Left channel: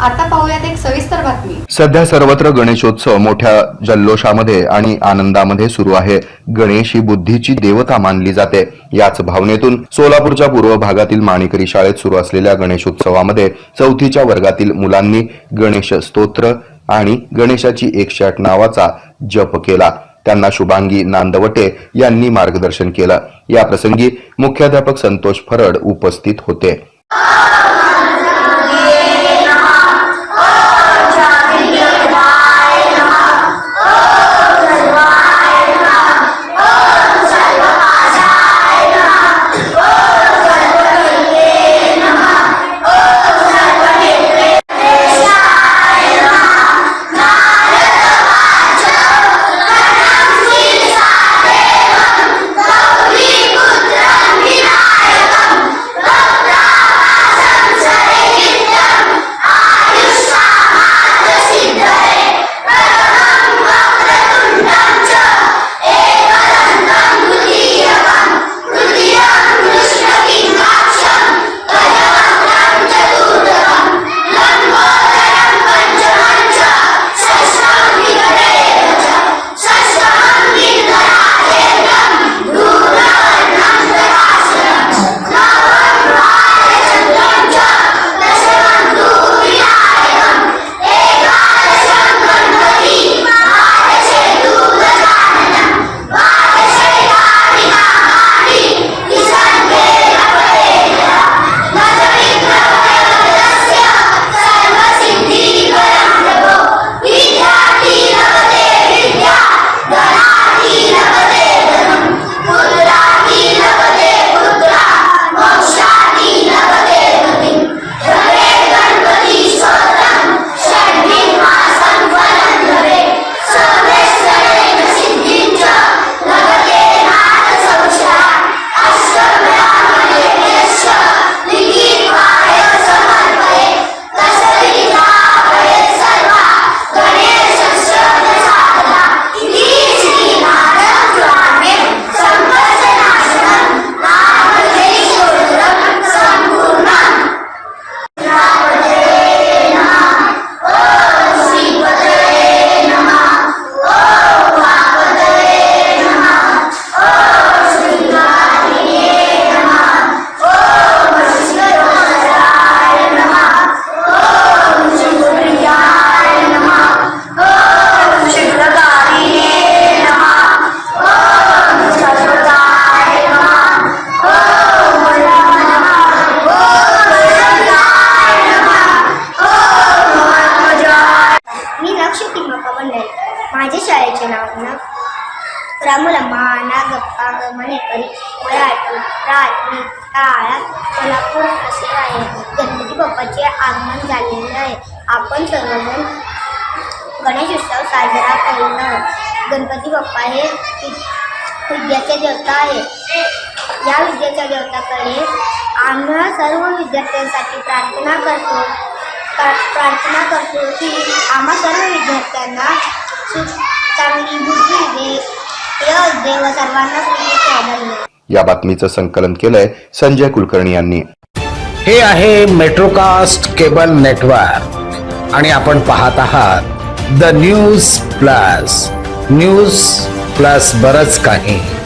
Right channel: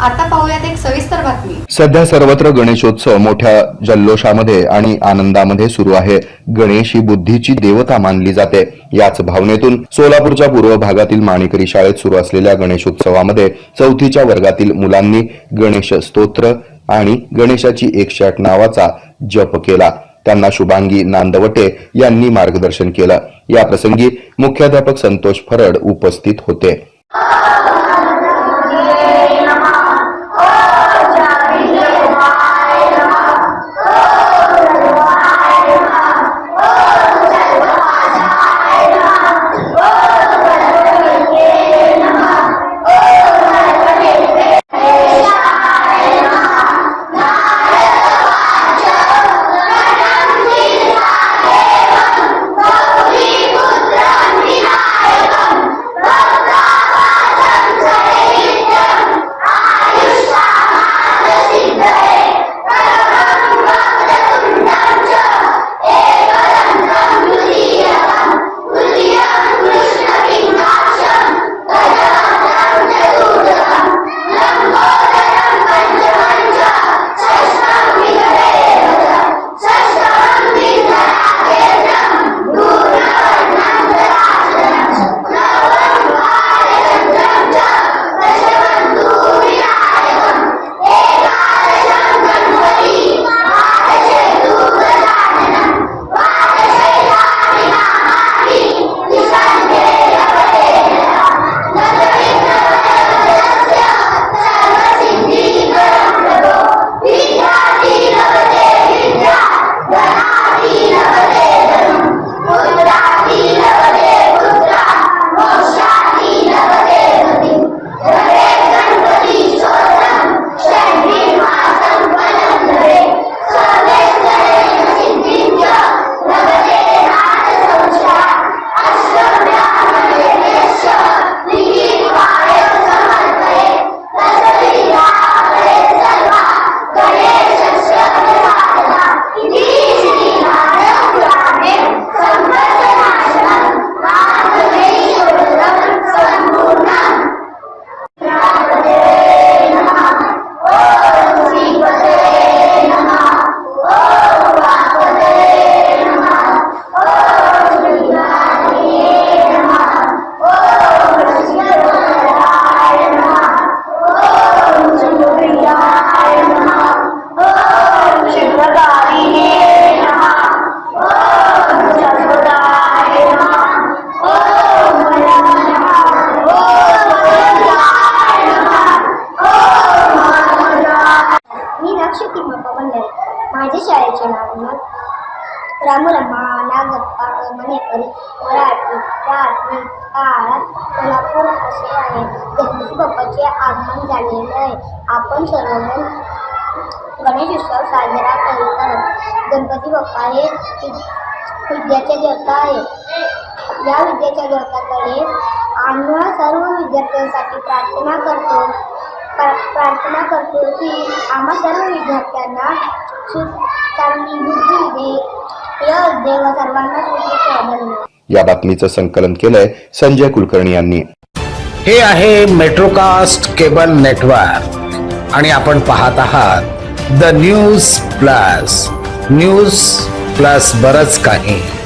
आता पाहूयात एक सविस्तर बातमी. सध्या सर्वत्र गणेशोत्सव मोठ्या जल्लोषामध्ये आणि आनंदामध्ये सुरू आहे. गणेश ही बुद्धीची देवता मानली जाते. याच भावनेतून सोलापूरच्या पूर्व भागातील माणिकरी शाळेत सुरू असलेल्या गणेशोत्सवामध्ये चौथीच्या वर्गातील मुलांनी गणेश स्तोत्र आणि गणेशाची एकशे आठ नावाचा जप केला. त्यांना शुभांगी नांदवटे यांनी मार्गदर्शन केलं. या प्रसंगी मुख्याध्यापक संतोष फरड उपस्थित होते. रामुलम्मा नागप्पा मणेकरी मराठी प्राथमिक काळात सोलापूर असे आहे गणपती बाप्पाचे आगमन झालेले आहे. आपण सर्वजण गणेश उत्सव साजरा करीत गणपती बाप्पा हे वि- विद्याचे देवता आहे या विद्याच्या देवताकडे आम्ही सर्व विद्यार्थ्यांसाठी प्रार्थना करतो. प्रा- प्रार्थना करतो की आम्हा सर्व विद्यार्थ्यांना सु चांगली बुद्धी दे सर्वांना या बातमीचं संकलन केलंय संजय कुलकर्णी यांनी. हे आहे मेट्रोकास्ट केबल नेटवर्क. आणि आपण पाहत आहात the news plus. News plus बरच काही.